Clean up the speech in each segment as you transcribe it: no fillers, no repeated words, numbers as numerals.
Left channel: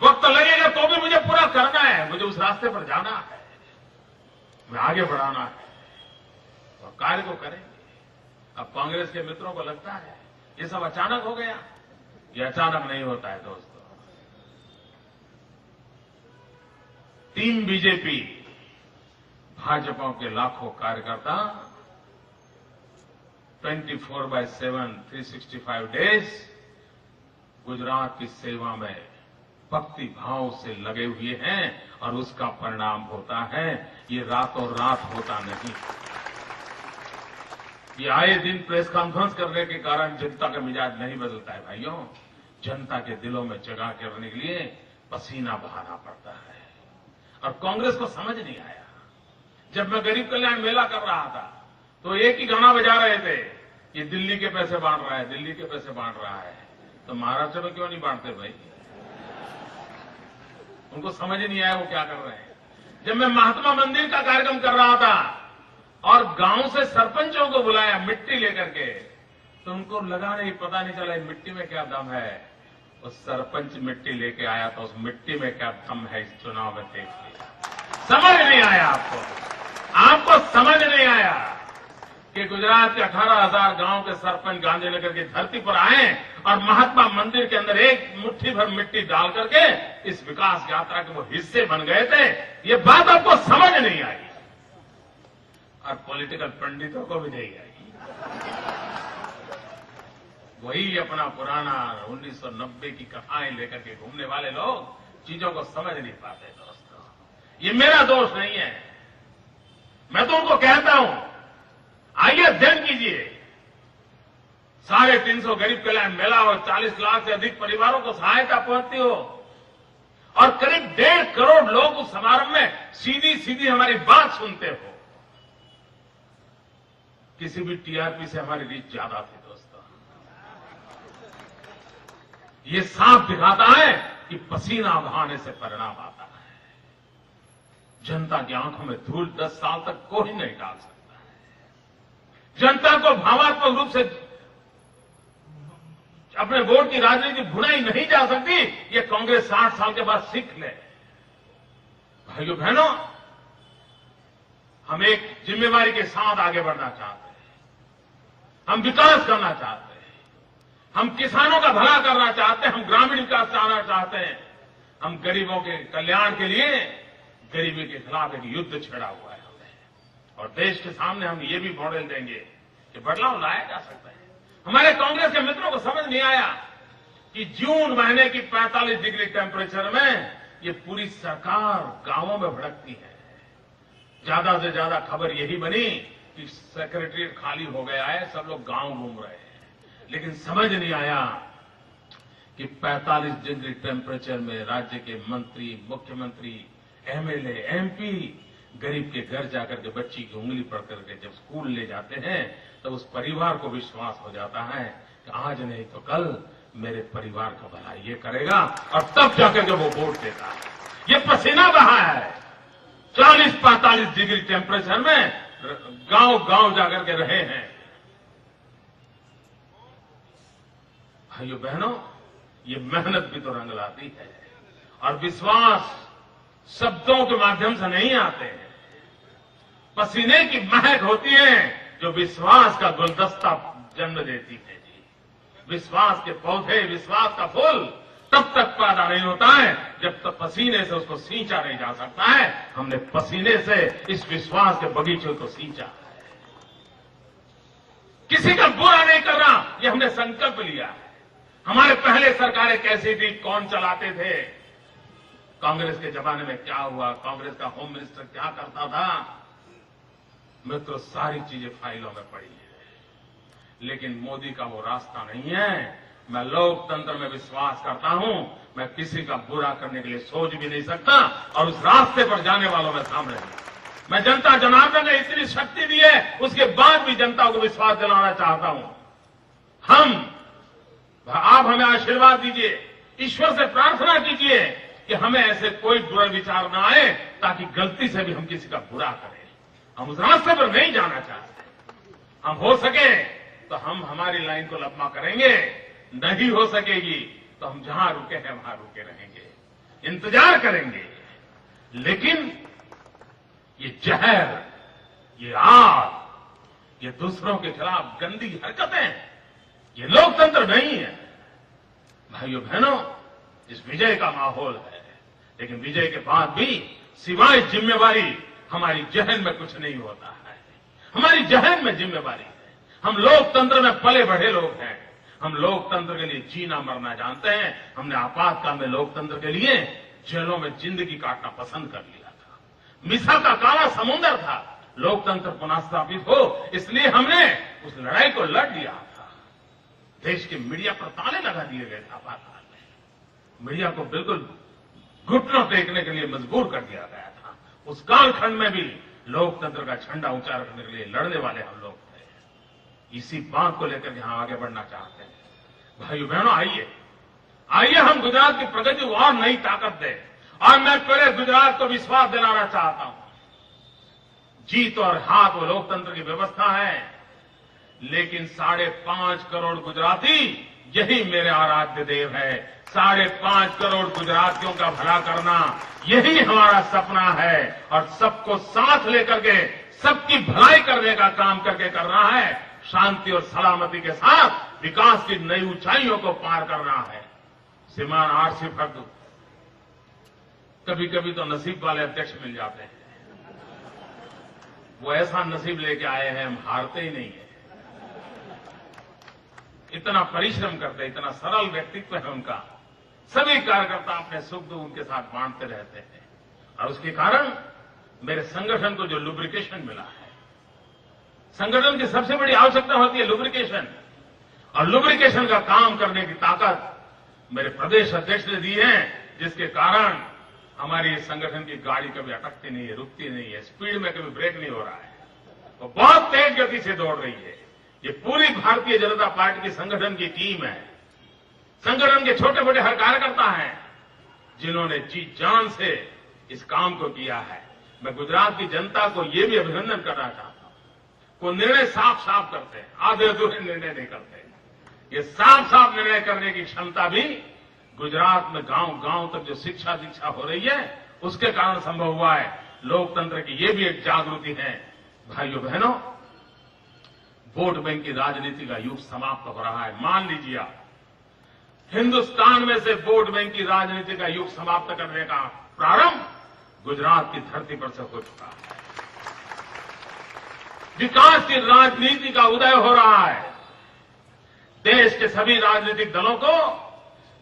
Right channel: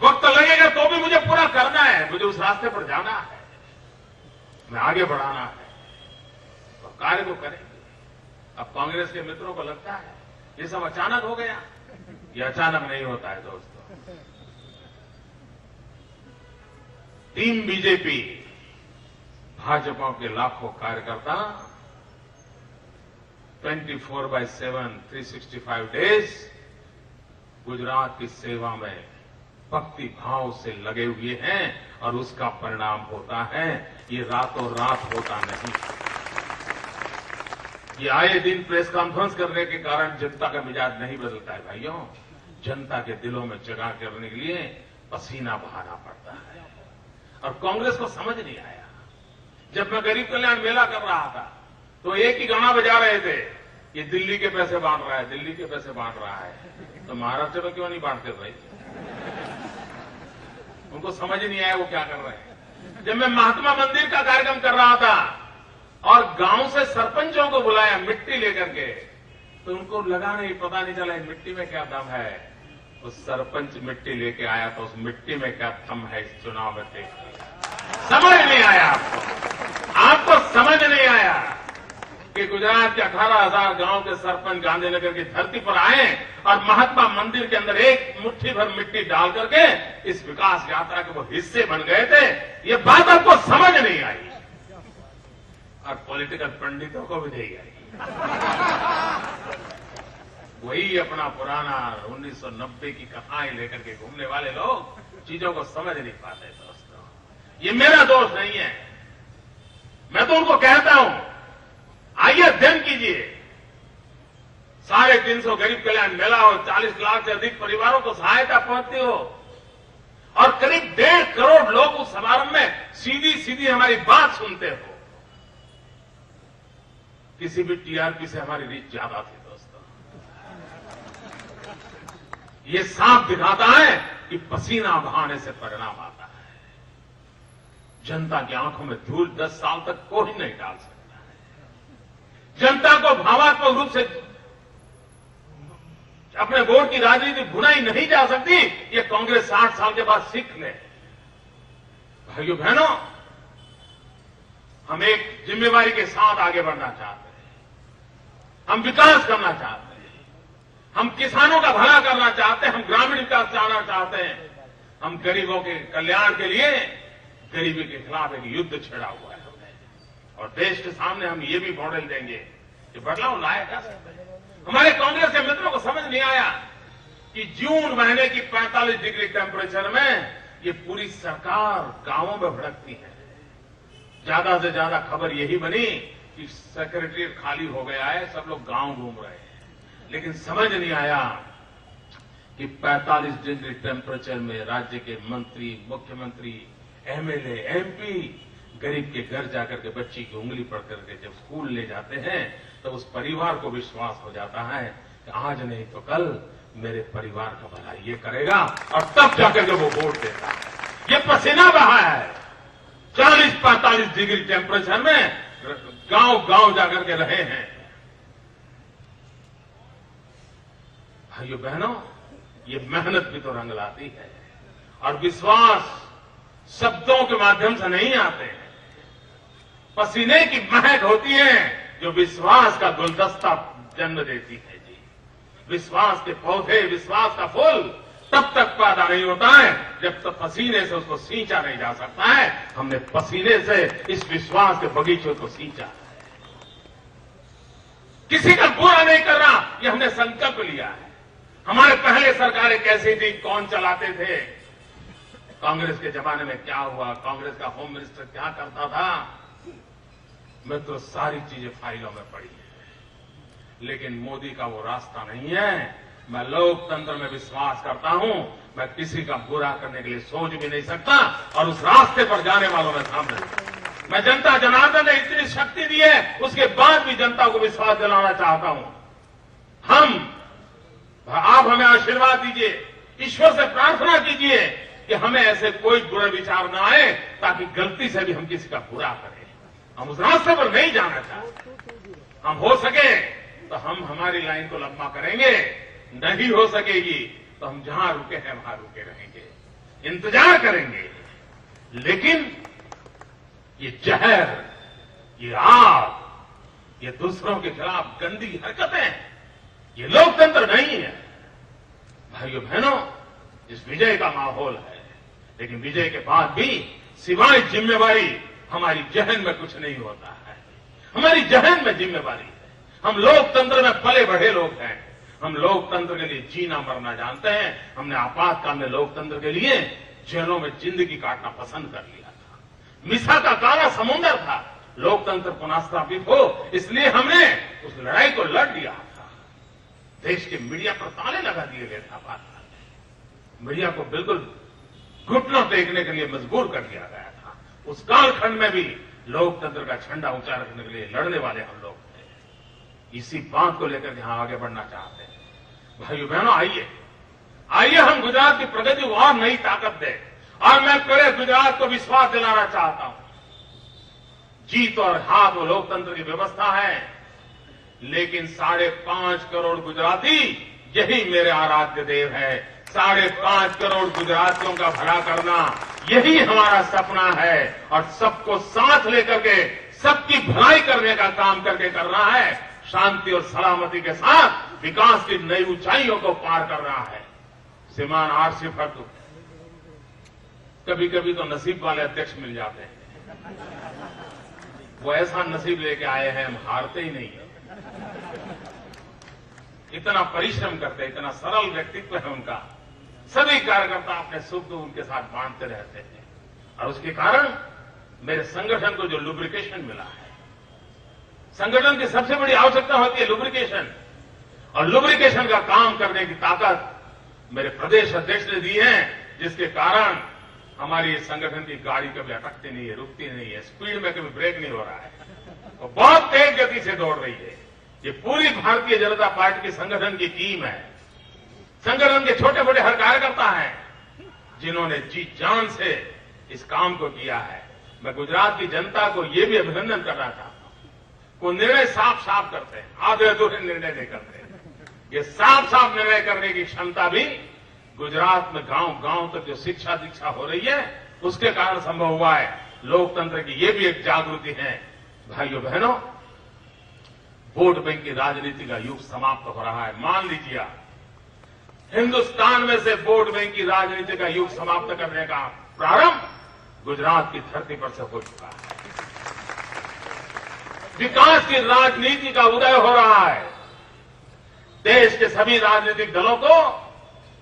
वक्त लगेगा तो भी मुझे पूरा करना है, मुझे उस रास्ते पर जाना है, मैं आगे बढ़ाना है, तो कार्य को करेंगे। अब कांग्रेस के मित्रों को लगता है ये सब अचानक हो गया। ये अचानक नहीं होता है दोस्तों। टीम बीजेपी, भाजपा के लाखों कार्यकर्ता 24/7 365 डेज गुजरात की सेवा में भक्ति भाव से लगे हुए हैं और उसका परिणाम होता है ये रातों रात होता नहीं। ये आए दिन प्रेस कॉन्फ्रेंस करने के कारण जनता का मिजाज नहीं बदलता है भाइयों। जनता के दिलों में जगह करने के लिए पसीना बहाना पड़ता है और कांग्रेस को समझ नहीं आया। जब मैं गरीब कल्याण मेला कर रहा था तो एक ही गाना बजा रहे थे, ये दिल्ली के पैसे बांट रहा है, दिल्ली के पैसे बांट रहा है। तो महाराष्ट्र में क्यों नहीं बांटते भाई? उनको समझ नहीं आया वो क्या कर रहे हैं। जब मैं महात्मा मंदिर का कार्यक्रम कर रहा था और गांव से सरपंचों को बुलाया मिट्टी लेकर के, तो उनको लगा नहीं, पता नहीं चला मिट्टी में क्या दम है। उस सरपंच मिट्टी लेके आया तो उस मिट्टी में क्या दम है इस चुनाव में देख समझ नहीं आया। आपको समझ नहीं आया कि गुजरात के 18,000 गांव के सरपंच गांधीनगर की धरती पर आए और महात्मा मंदिर के अंदर एक मुट्ठी भर मिट्टी डाल करके इस विकास यात्रा के वो हिस्से बन गए थे। ये बात आपको समझ नहीं आई और पॉलिटिकल पंडितों को भी नहीं आई। वही अपना पुराना 1990 की कथाएं लेकर के घूमने वाले लोग चीजों को समझ नहीं पाते। दोस्तों, ये मेरा दोष नहीं है। मैं तो उनको कहता हूं आइए अध्ययन कीजिए। 350 गरीब कल्याण मेला और 40 लाख से अधिक परिवारों को सहायता पहुंचती हो और करीब 1.5 करोड़ लोग उस समारोह में सीधी सीधी हमारी बात सुनते हो। किसी भी टीआरपी से हमारी रीच ज्यादा थी दोस्तों। ये साफ दिखाता है कि पसीना बहाने से परिणाम आता है। जनता की आंखों में धूल 10 साल तक कोई नहीं डाल सकता। जनता को भावात्मक रूप से अपने वोट की राजनीति भुनाई नहीं जा सकती। ये कांग्रेस 60 साल के बाद सीख ले। भाइयों बहनों, हम एक जिम्मेवारी के साथ आगे बढ़ना चाहते हैं। हम विकास करना चाहते हैं, हम किसानों का भला करना चाहते हैं, हम ग्रामीण विकास चाहना चाहते हैं। हम गरीबों के कल्याण के लिए गरीबी के खिलाफ एक युद्ध छेड़ा हुआ है और देश के सामने हम ये भी मॉडल देंगे कि बदलाव लाया जा सकता है। हमारे कांग्रेस के मित्रों को समझ नहीं आया कि जून महीने की 45 डिग्री टेम्परेचर में ये पूरी सरकार गांवों में भड़कती है। ज्यादा से ज्यादा खबर यही बनी कि सेक्रेटरीट खाली हो गया है, सब लोग गांव घूम रहे हैं। लेकिन समझ नहीं आया कि 45 डिग्री टेम्परेचर में राज्य के मंत्री, मुख्यमंत्री, एमएलए, एमपी गरीब के घर जाकर के बच्ची की उंगली पकड़ करके जब स्कूल ले जाते हैं तो उस परिवार को विश्वास हो जाता है कि आज नहीं तो कल मेरे परिवार का भला ये करेगा और तब जाकर के वो वोट देता है। ये पसीना बहा है। 40-45 डिग्री टेम्परेचर में गांव गांव जाकर के रहे हैं। भाइयों बहनों, ये मेहनत भी तो रंग लाती है और विश्वास शब्दों के माध्यम से नहीं आते हैं। पसीने की महक होती है जो विश्वास का गुलदस्ता जन्म देती है जी। विश्वास के पौधे, विश्वास का फूल तब तक पैदा नहीं होता है जब तक पसीने से उसको सींचा नहीं जा सकता है। हमने पसीने से इस विश्वास के बगीचे को सींचा है। किसी का बुरा नहीं कर रहा, ये हमने संकल्प लिया है। हमारे पहले सरकारें कैसी थी, कौन चलाते थे, कांग्रेस के जमाने में क्या हुआ, कांग्रेस का होम मिनिस्टर क्या करता था, मैं तो सारी चीजें फाइलों में पड़ी है। लेकिन मोदी का वो रास्ता नहीं है। मैं लोकतंत्र में विश्वास करता हूं। मैं किसी का बुरा करने के लिए सोच भी नहीं सकता और उस रास्ते पर जाने वालों में शामिल हूं। मैं जनता जनार्दन ने इतनी शक्ति दी है, उसके बाद भी जनता को विश्वास दिलाना चाहता हूं। आप हमें आशीर्वाद दीजिए, ईश्वर से प्रार्थना कीजिए कि हमें ऐसे कोई बुरे विचार न आए ताकि गलती से भी हम किसी का बुरा करें। हम उस रास्ते पर नहीं जाना चाहते। हम हो सके तो हम हमारी लाइन को लंबा करेंगे, नहीं हो सकेगी तो हम जहां रुके हैं वहां रुके रहेंगे। इंतजार करेंगे, लेकिन ये जहर, ये आग, ये दूसरों के खिलाफ गंदी हरकतें, ये लोकतंत्र नहीं है। भाइयों बहनों, इस विजय का माहौल है, लेकिन विजय के बाद भी सिवाय जिम्मेवारी हमारी जहन में कुछ नहीं होता है। हमारी जहन में जिम्मेवारी है। हम लोकतंत्र में पले बढ़े लोग हैं। हम लोकतंत्र के लिए जीना मरना जानते हैं। हमने आपातकाल में लोकतंत्र के लिए जेलों में जिंदगी काटना पसंद कर लिया था। मिसा का काला समुद्र था, लोकतंत्र पुनः स्थापित हो, इसलिए हमने उस लड़ाई को लड़ लिया था। देश के मीडिया पर ताले लगा दिए गए थे आपातकाल में। मीडिया को बिल्कुल घुटनों टेकने के लिए मजबूर कर दिया गया था। उस कालखंड में भी लोकतंत्र का झंडा ऊंचा रखने के लिए लड़ने वाले हम लोग थे। इसी बात को लेकर यहां आगे बढ़ना चाहते हैं। भाइयों बहनों, आइए हम गुजरात की प्रगति को और नई ताकत दें। और मैं पूरे गुजरात को विश्वास दिलाना चाहता हूं, जीत और हार वो लोकतंत्र की व्यवस्था है, लेकिन 5.5 करोड़ गुजराती यही मेरे आराध्य देव है। 5.5 करोड़ गुजरातियों का भला करना यही हमारा सपना है, और सबको साथ लेकर के सबकी भलाई करने का काम करके करना है। शांति और सलामती के साथ विकास की नई ऊंचाइयों को पार करना है। श्रीमान आरसी फर्दू, कभी कभी तो नसीब वाले अध्यक्ष मिल जाते हैं। वो ऐसा नसीब लेके आए हैं, हम हारते ही नहीं है। इतना परिश्रम करते, इतना सरल व्यक्तित्व है उनका। सभी कार्यकर्ता अपने सुख दुख उनके साथ बांटते रहते हैं, और उसके कारण मेरे संगठन को जो लुब्रिकेशन मिला है। संगठन की सबसे बड़ी आवश्यकता होती है लुब्रिकेशन, और लुब्रिकेशन का काम करने की ताकत मेरे प्रदेश अध्यक्ष ने दी है, जिसके कारण हमारी इस संगठन की गाड़ी कभी अटकती नहीं है, रुकती नहीं है, स्पीड में कभी ब्रेक नहीं हो रहा है, वो बहुत तेज गति से दौड़ रही है। ये पूरी भारतीय जनता पार्टी की संगठन की टीम है। संगठन के छोटे बड़े हर कार्यकर्ता हैं जिन्होंने जी जान से इस काम को किया है। मैं गुजरात की जनता को यह भी अभिनंदन करना चाहता हूं। वो निर्णय साफ साफ करते हैं, आधे अधूरे निर्णय नहीं करते। ये साफ साफ निर्णय करने की क्षमता भी गुजरात में गांव गांव तक जो शिक्षा दीक्षा हो रही है, उसके कारण संभव हुआ है। लोकतंत्र की ये भी एक जागृति है। भाइयों बहनों, वोट बैंक की राजनीति का युग समाप्त हो रहा है। मान लीजिए, हिंदुस्तान में से वोट बैंक की राजनीति का युग समाप्त करने का प्रारंभ गुजरात की धरती पर से हो चुका है। विकास की राजनीति का उदय हो रहा है। देश के सभी राजनीतिक दलों को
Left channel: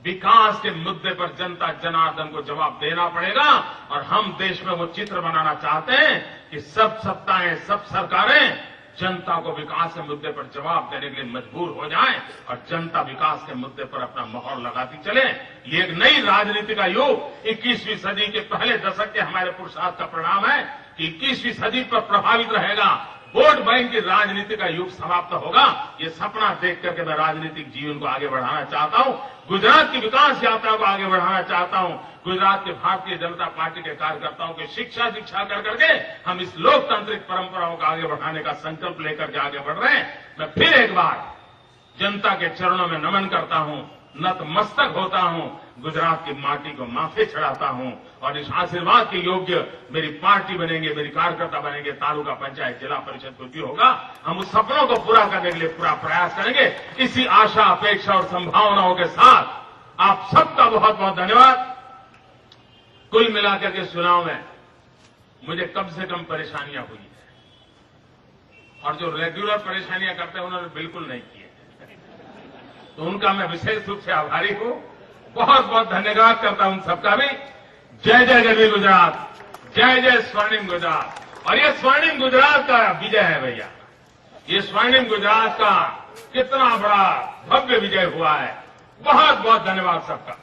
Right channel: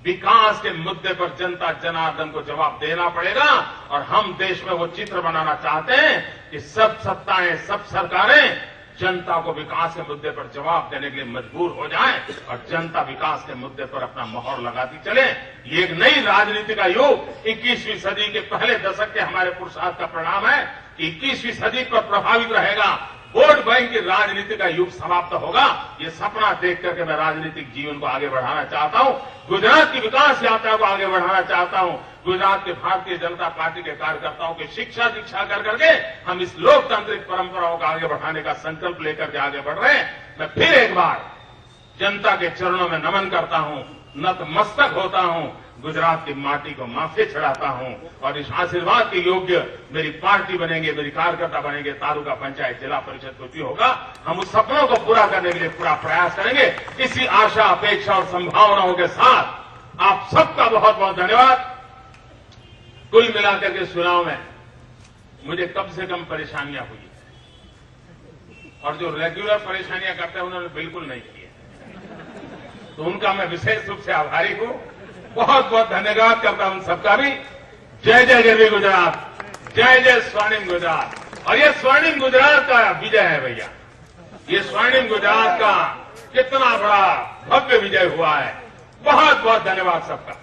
विकास के मुद्दे पर जनता जनार्दन को जवाब देना पड़ेगा, और हम देश में वो चित्र बनाना चाहते हैं कि सब सत्ताएं, सब सरकारें जनता को विकास के मुद्दे पर जवाब देने के लिए मजबूर हो जाए, और जनता विकास के मुद्दे पर अपना मोहर लगाती चले। ये एक नई राजनीति का युग 21वीं सदी के पहले दशक के हमारे पुरुषार्थ का परिणाम है कि 21वीं सदी पर प्रभावित रहेगा। वोट बैंक की राजनीति का युग समाप्त होगा। ये सपना देख करके मैं राजनीतिक जीवन को आगे बढ़ाना चाहता हूं, गुजरात की विकास यात्रा को आगे बढ़ाना चाहता हूं। गुजरात के भारतीय जनता पार्टी के कार्यकर्ताओं की शिक्षा दीक्षा कर करके हम इस लोकतांत्रिक परंपराओं को आगे बढ़ाने का संकल्प लेकर के आगे बढ़ रहे हैं। मैं फिर एक बार जनता के चरणों में नमन करता हूं, नतमस्तक होता हूं, गुजरात की माटी को माथे चढ़ाता हूं, और इस आशीर्वाद के योग्य मेरी पार्टी बनेंगे, मेरी कार्यकर्ता बनेंगे, तालुका पंचायत जिला परिषद कुछ भी होगा। हम उस सपनों को पूरा करने के लिए पूरा प्रयास करेंगे। इसी आशा, अपेक्षा और संभावनाओं के साथ आप सबका बहुत बहुत धन्यवाद। कुल मिलाकर के चुनाव में मुझे कम से कम परेशानियां हुई है, और जो रेगुलर परेशानियां करते हैं उन्होंने बिल्कुल नहीं की है, तो उनका मैं विशेष रूप से आभारी हूं। बहुत बहुत धन्यवाद करता हूं सबका भी। जय जय गरवी गुजरात, जय जय स्वर्णिम गुजरात। और ये स्वर्णिम गुजरात का विजय है भैया, ये स्वर्णिम गुजरात का कितना बड़ा भव्य विजय हुआ है। बहुत बहुत धन्यवाद सबका।